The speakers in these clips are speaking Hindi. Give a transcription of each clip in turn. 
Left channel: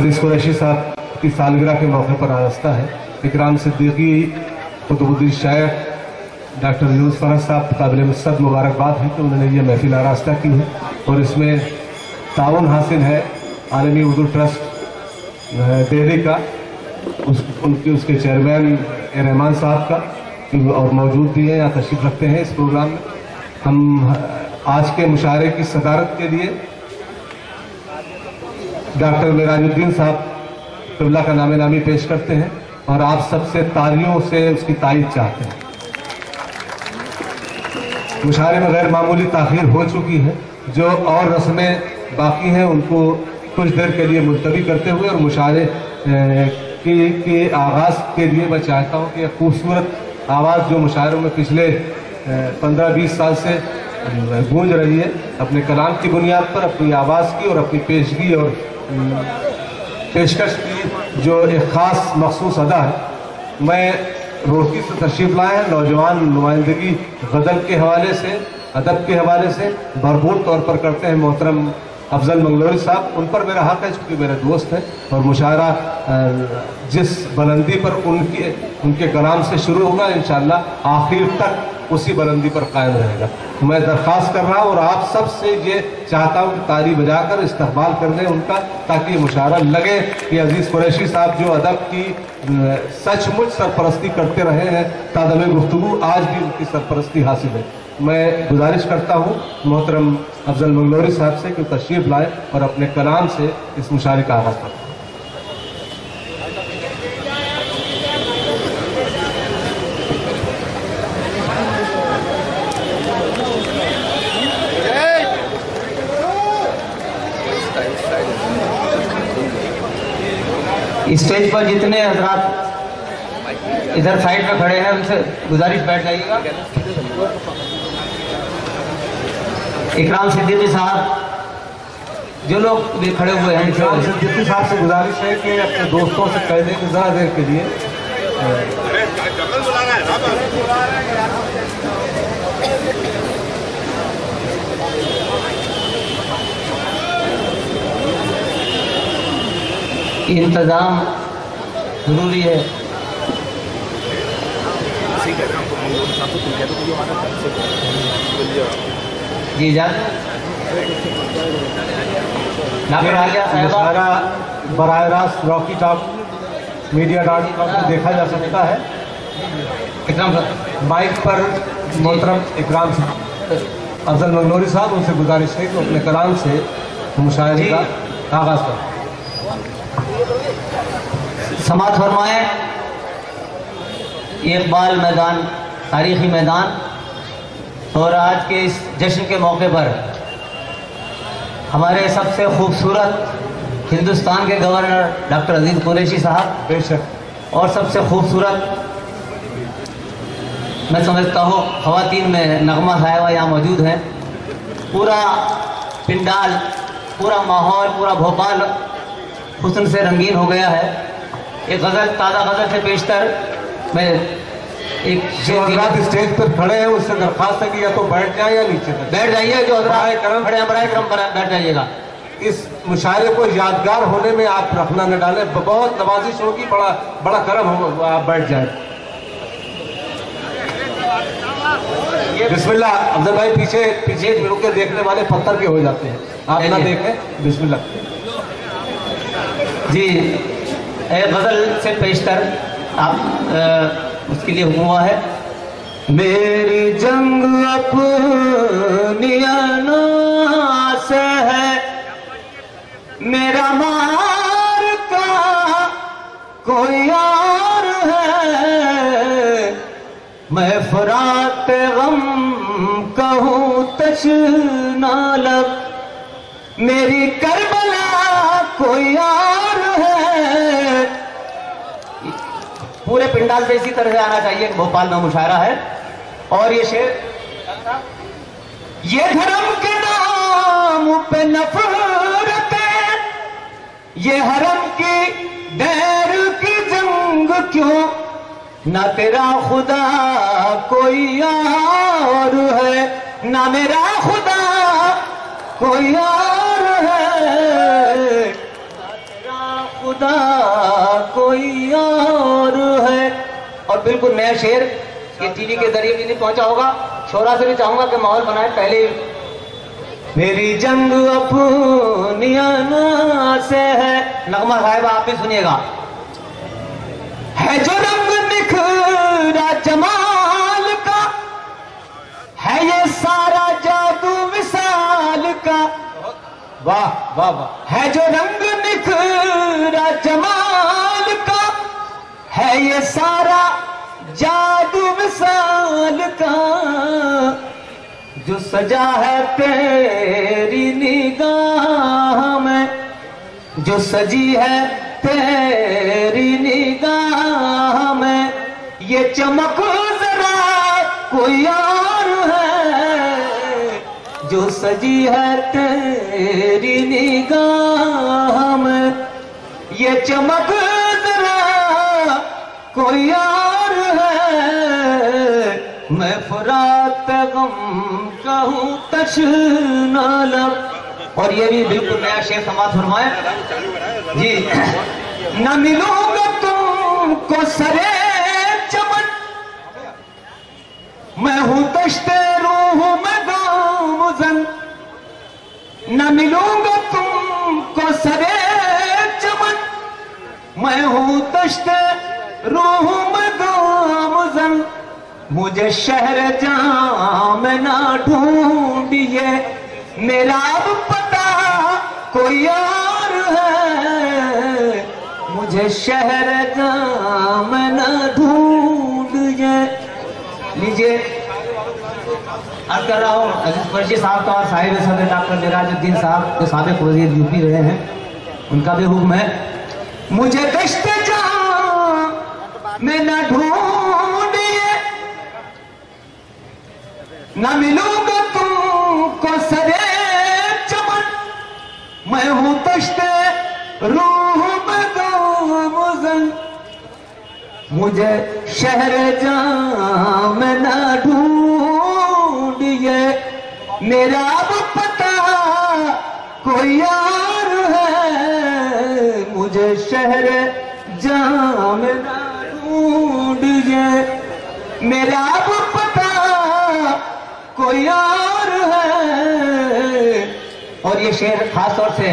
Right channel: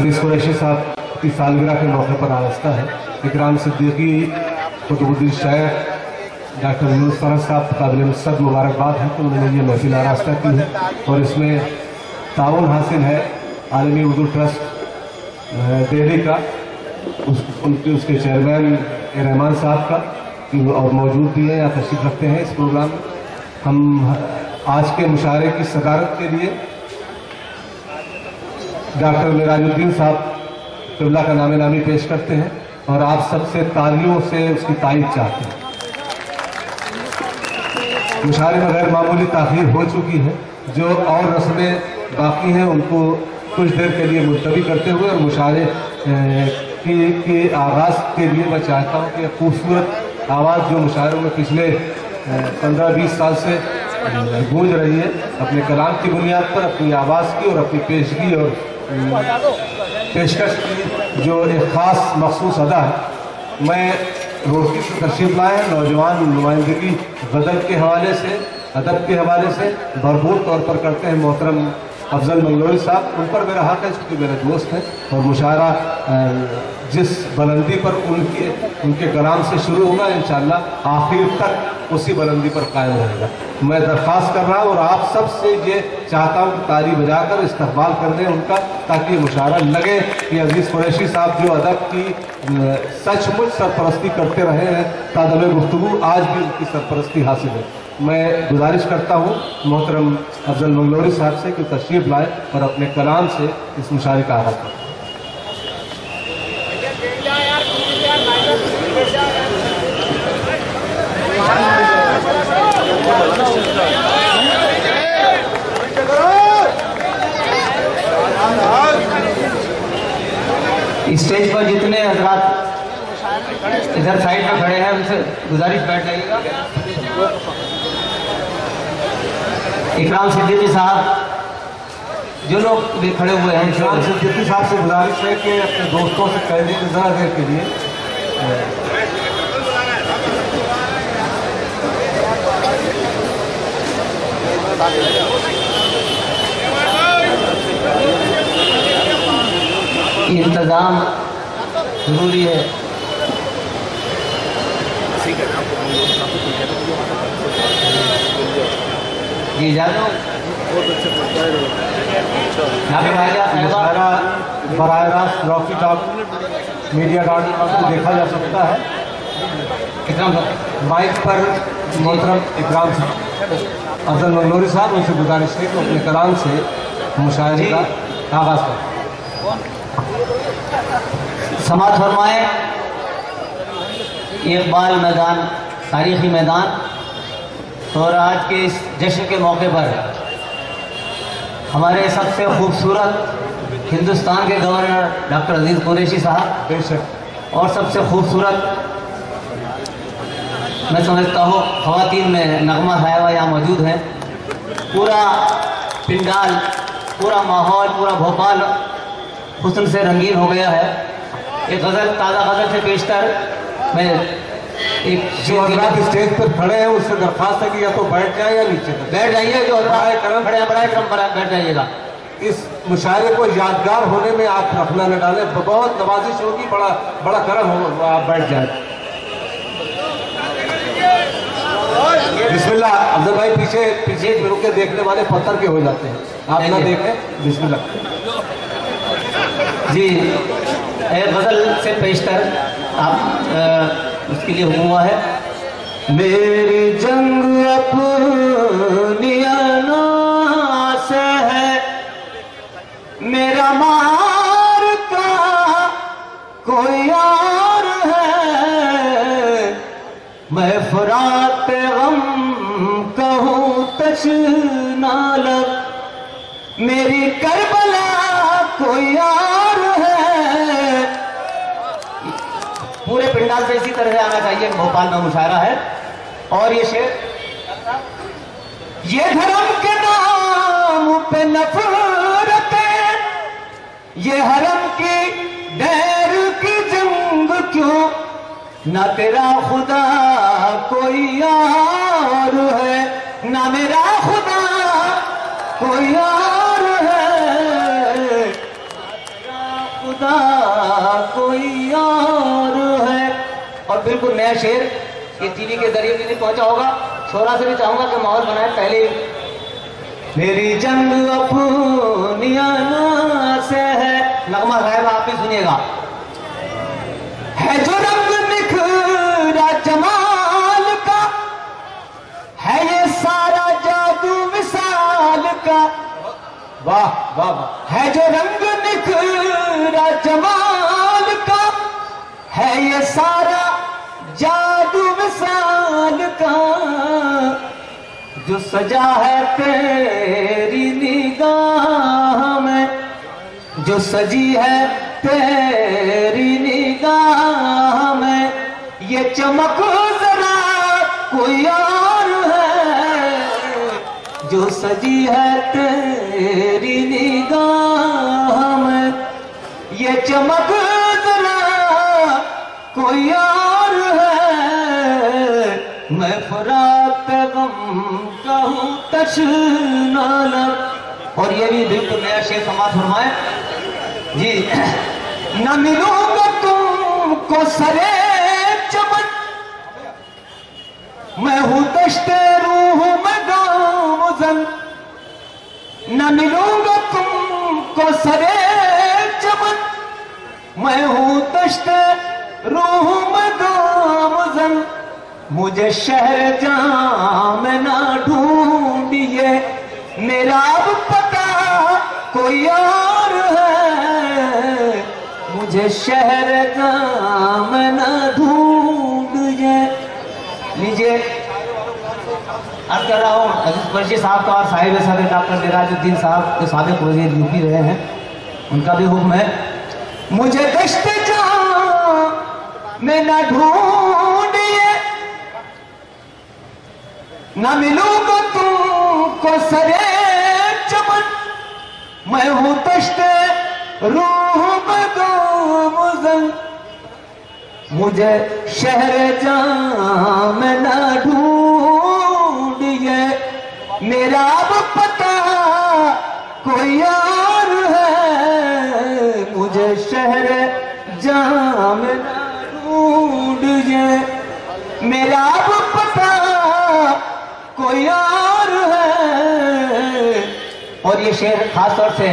अजीज कुरैशी साहब की सालगिरह के मौके पर आरास्ता है। इकराम सिद्दीकी, कुतुबुद्दीन शायर, डॉक्टर यूनुस फरहत साहब काबिल मुस्तद मुबारकबाद है कि उन्होंने ये महफिल आरास्ता की है और इसमें ताउन हासिल है आलमी उर्दू ट्रस्ट दिल्ली का, उसके चेयरमैन रहमान साहब का, और मौजूद भी है, यहाँ तशरीफ रखते हैं इस प्रोग्राम में। हम आज के मुशायरे की सदारत के लिए डॉक्टर मेराजुद्दीन साहब क़िबला का नामे नामी पेश करते हैं और आप सबसे तालियों से उसकी तारीफ चाहते हैं। मुशायरे में गैर मामूली ताख़ीर हो चुकी है, जो और रस्में बाकी हैं उनको कुछ देर के लिए मुलतवी करते हुए और मुशायरे के आगाज़ के लिए मैं चाहता हूँ कि खूबसूरत आवाज़ जो मुशायरों में पिछले 15-20 साल से गूंज रही है, अपने कलाम की बुनियाद पर अपनी आवाज़ की और अपनी पेशगी और पेशकश की जो एक ख़ास मखसूस अदा है, मैं रोहती से तशरीफ़ लाए हैं। नौजवान नुमाइंदगी गज़ल के हवाले से, अदब के हवाले से भरपूर तौर पर करते हैं मोहतरम अफजल मंगलोरी साहब। उन पर मेरा हक़ है क्योंकि मेरे दोस्त हैं और मुशायरा जिस बुलंदी पर उनके कलाम से शुरू होगा इंशाअल्लाह आखिर तक उसी बुलंदी पर कायम रहेगा। मैं दरख्वास्त कर रहा हूँ और आप सब से ये चाहता हूँ कि ताली बजाकर इस्तकबाल कर दें उनका, ताकि मुशायरा लगे कि अजीज़ कुरैशी साहब जो अदब की सचमुच सरपरस्ती करते रहे हैं, तादमे गुफ्तगू आज भी उनकी सरपरस्ती हासिल है। मैं गुजारिश करता हूँ मोहतरम अफजल मंगलोरी साहब से कि तशरीफ़ लाए और अपने कलाम से इस मुशायरे का आगाज़ करें। स्टेज पर जितने हजरात इधर साइड में खड़े हैं उनसे गुजारिश बैठ जाइएगा। इकराम सिद्दीकी साहब जो लोग भी खड़े हुए हैं, इकराम सिद्दीकी साहब से गुजारिश है कि अपने दोस्तों से कह दें कि ज़रा देर के लिए इंतज़ाम ज़रूरी है। जी इजाज़त मुशायरा बराह रास्त रॉकी टॉक मीडिया.com पर देखा जा सकता है। इकराम माइक पर मोहतरम इकराम साहब अफजल मंगलोरी साहब, उनसे गुजारिश है कि अपने कलाम से मुशायरे का आगाज़ करें। समात फरमाए। इकबाल मैदान, तारीख़ी मैदान, और आज के इस जश्न के मौके पर हमारे सबसे खूबसूरत हिंदुस्तान के गवर्नर डॉक्टर अजीज़ कुरैशी साहब बेशक और सबसे खूबसूरत मैं समझता हूँ ख़वातीन में नगमा साहिबा यहाँ मौजूद हैं। पूरा पिंडाल, पूरा माहौल, पूरा भोपाल हुस्न से रंगीन हो गया है। एक गज़ल, ताज़ा गज़ल से पेशतर मैं एक जो हजरात स्टेज पर खड़े हैं उससे दरख्वास्त है कि या तो बैठ जाए या नीचे बैठ जाइए। जो करम खड़े बराए करम बैठ जाइएगा। इस मुशायरे को यादगार होने में आप रखना न डालें, बहुत नवाजिश होगी, बड़ा करम होगा, आप बैठ जाए। बिस्मिल्लाह। अफजल भाई पीछे रुके, देखने वाले पत्थर के हो जाते हैं, आप ना देखें। बिस्मिल्लाह जी। एक गज़ल से पेशतर आप उसके लिए हुआ है। मेरी जंग अपनी अना से है, मेरा मार का कोई और है, मैं फरात गम कहूँ तशना लब, मेरी करबला कोई और है। पूरे पिंडाल से इसी तरह से आना चाहिए। भोपाल में मुशायरा है और ये शेर, ये धर्म के नाम पे नफरतें, ये हरम की डैर की जंग क्यों, ना तेरा खुदा कोई और है, ना मेरा खुदा कोई और है, बिल्कुल नया शेर, ये टीवी के जरिए भी नहीं पहुंचा होगा। छोरा से भी चाहूंगा कि माहौल बनाए। पहले मेरी जंग अपनियाना से है, नगमा साहिबा आप भी सुनिएगा। है जो रंग निखरा जमाल का, है ये सारा जादू विसाल का। वाह वाह वाह। है जो रंग निखरा जमाल का, है ये सारा जादू विसाल का। जो सजा है तेरी निगाह में, जो सजी है तेरी निगाह में, ये चमक जरा कोई और है। जो सजी है तेरी निगाह में, ये चमक जरा कोई और है। मैं फुरात गम कहूँ तशना लब। और ये भी बिल्कुल नया शेर समाज फरमाए जी। न मिलूंगा तुमको सरे चमन, मैं हूँ दश्ते रूह में गामज़न। न मिलूंगा तुमको सरे चमन, मैं हूँ दश्ते रूह में गामज़न। मुझे शहर जाम ना ढूंढिए, मेरा अब पता कोई और है। मुझे शहर जाम ना ढूंढिए। लीजिए अर्ज कर रहा हूँ अजीज कुरैशी साहब का और साहिब सदर डॉक्टर मिराजुद्दीन साहब जो साबिक वज़ीर यूपी रहे हैं, उनका भी हुक्म है। मुझे दश्त जाम में ना ढूंढिए, न मिलूंगा तुमको सरे चमन, मैं हूं दश्ते रूह में गामज़न। मुझे शहर जाम न ढूंढिए, मेरा अब पता कोई और है। मुझे शहर जाम न ढूंढिए, मेरा अब पता कोई और है। और ये शेर खास तौर से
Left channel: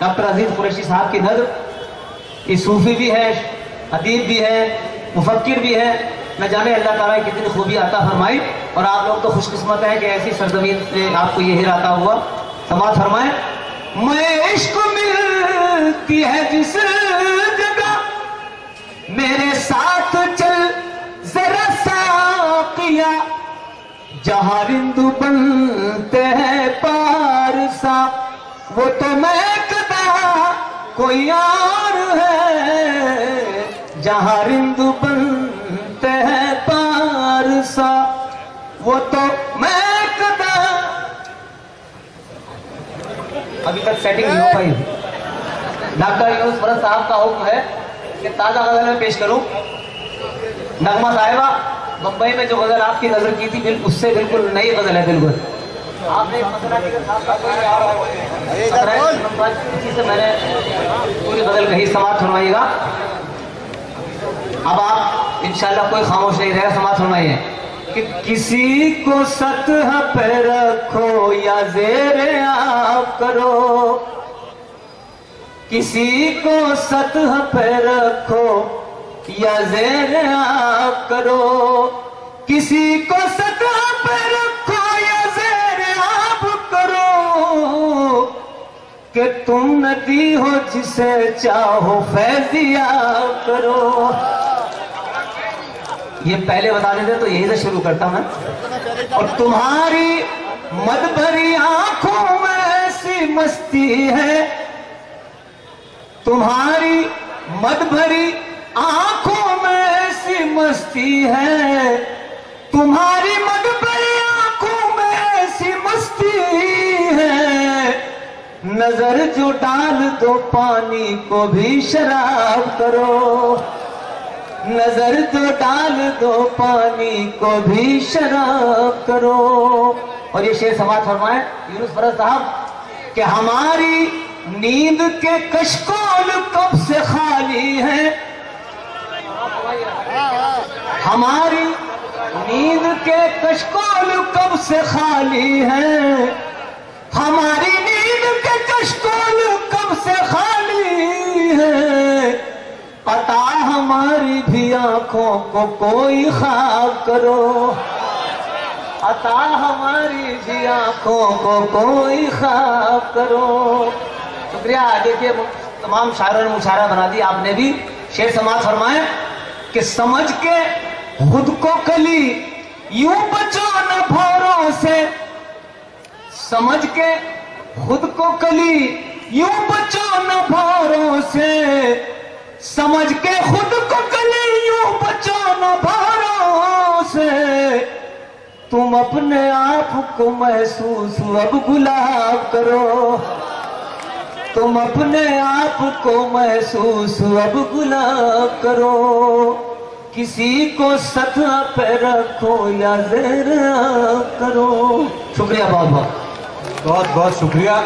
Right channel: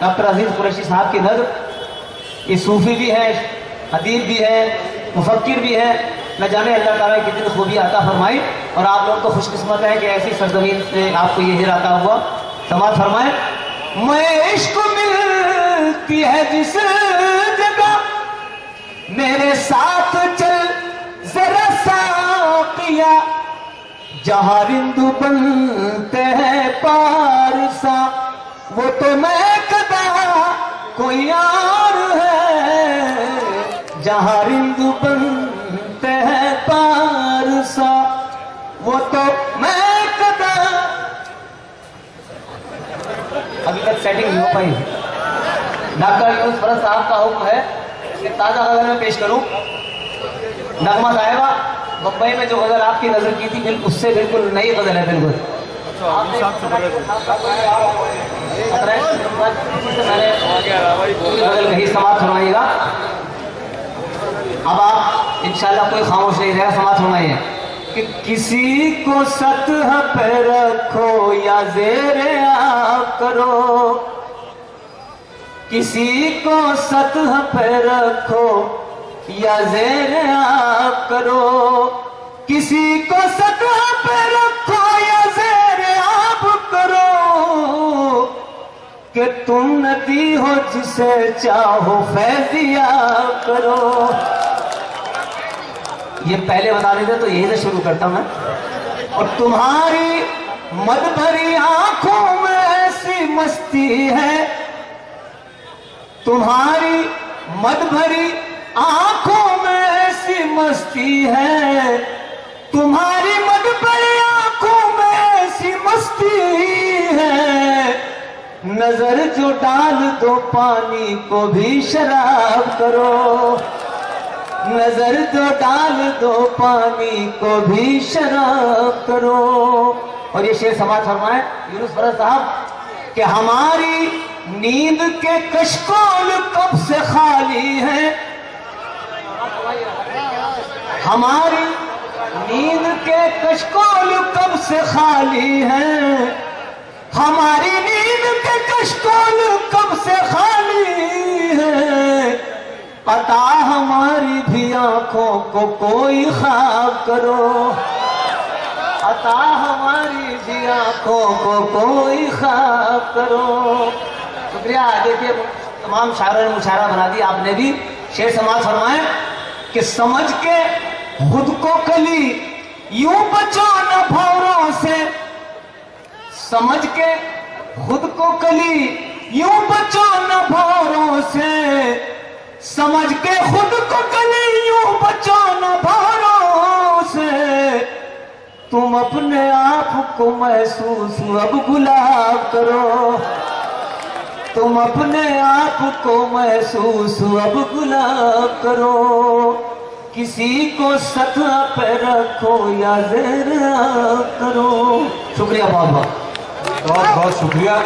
डॉक्टर अजीज कुरैशी साहब की नज़र, ये सूफी भी है, अदीब भी है, मुफक्किर भी है। न जाने अल्लाह ताला की कितनी खूबी अता फरमाई। और आप लोग तो खुशकिस्मत हैं कि ऐसी सरजमीन से आपको ये हीरा अता हुआ। समाज फरमाए। मैं इश्क मिलती है जिस जगह, मेरे साथ चल जरा साकिया। जहाँ रिंदु बनते हैं पारसा, वो तो मैं कदा कोई और है। जहाँ रिंदु बनते हैं पारसा, वो तो मैं कदा। अभी तक सेटिंग नहीं हो पाई। डॉक्टर यूनुस फरज साहब का हुक्म है कि ताजा गजल में पेश करूं। नगमा साहिबा मुंबई में जो गजल आपकी नजर की थी, बिल्कुल उससे बिल्कुल नई गजल है। बिल्कुल आपने मैंने पूरी गजल कही, समाज फरमाइएगा। अब आप इंशाल्लाह कोई खामोश नहीं रहेगा, समाज फरमाइए कि किसी को सतह पे रखो या ज़ेरे आप करो, किसी को सतह पे रखो या ज़ेरे आप करो, किसी को सतह पे रखो या ज़ेरे आप करो, कि तुम नदी हो जिसे चाहो फैज़िया करो। ये पहले बता देते तो यही से शुरू करता मैं। और तुम्हारी मद भरी आंखों में ऐसी मस्ती है, तुम्हारी मद भरी आंखों में ऐसी मस्ती है, तुम्हारी मद भरी आंखों में ऐसी मस्ती है। नजर जो डाल दो पानी को भी शराब करो, नजर जो डाल दो पानी को भी शराब करो। और ये शेर समाज फरमाए यूनुस फरज साहब कि हमारी नींद के कशकोल कब से खाली है, हमारी नींद के कशकोल कब से खाली हैं, हमारी नींद के कशकोल कब से खाली हैं, पता हमारी भी आंखों को कोई ख्वाब करो, अता हमारी भी आंखों को कोई ख्वाब करो। शुक्रिया। देखिए तमाम शायरों ने मुशायरा बना दी, आपने भी शेर समाज फरमाए कि समझ के खुद को कली यूं बचो न भौरों से, समझ के खुद को कली यूं बचो न भौरों से, समझ के खुद को कली यूं बचो न भौरों से, तुम अपने आप को महसूस अब गुलाब करो, तुम अपने आप को महसूस अब गुलाब करो, किसी को सतह पे रखो या जरा करो। शुक्रिया, बहुत बहुत बहुत बहुत शुक्रिया।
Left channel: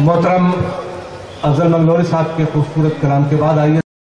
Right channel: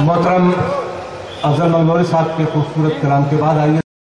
मोहतरम अफजल मंगलोरी साहब के खूबसूरत कलाम के बाद आइए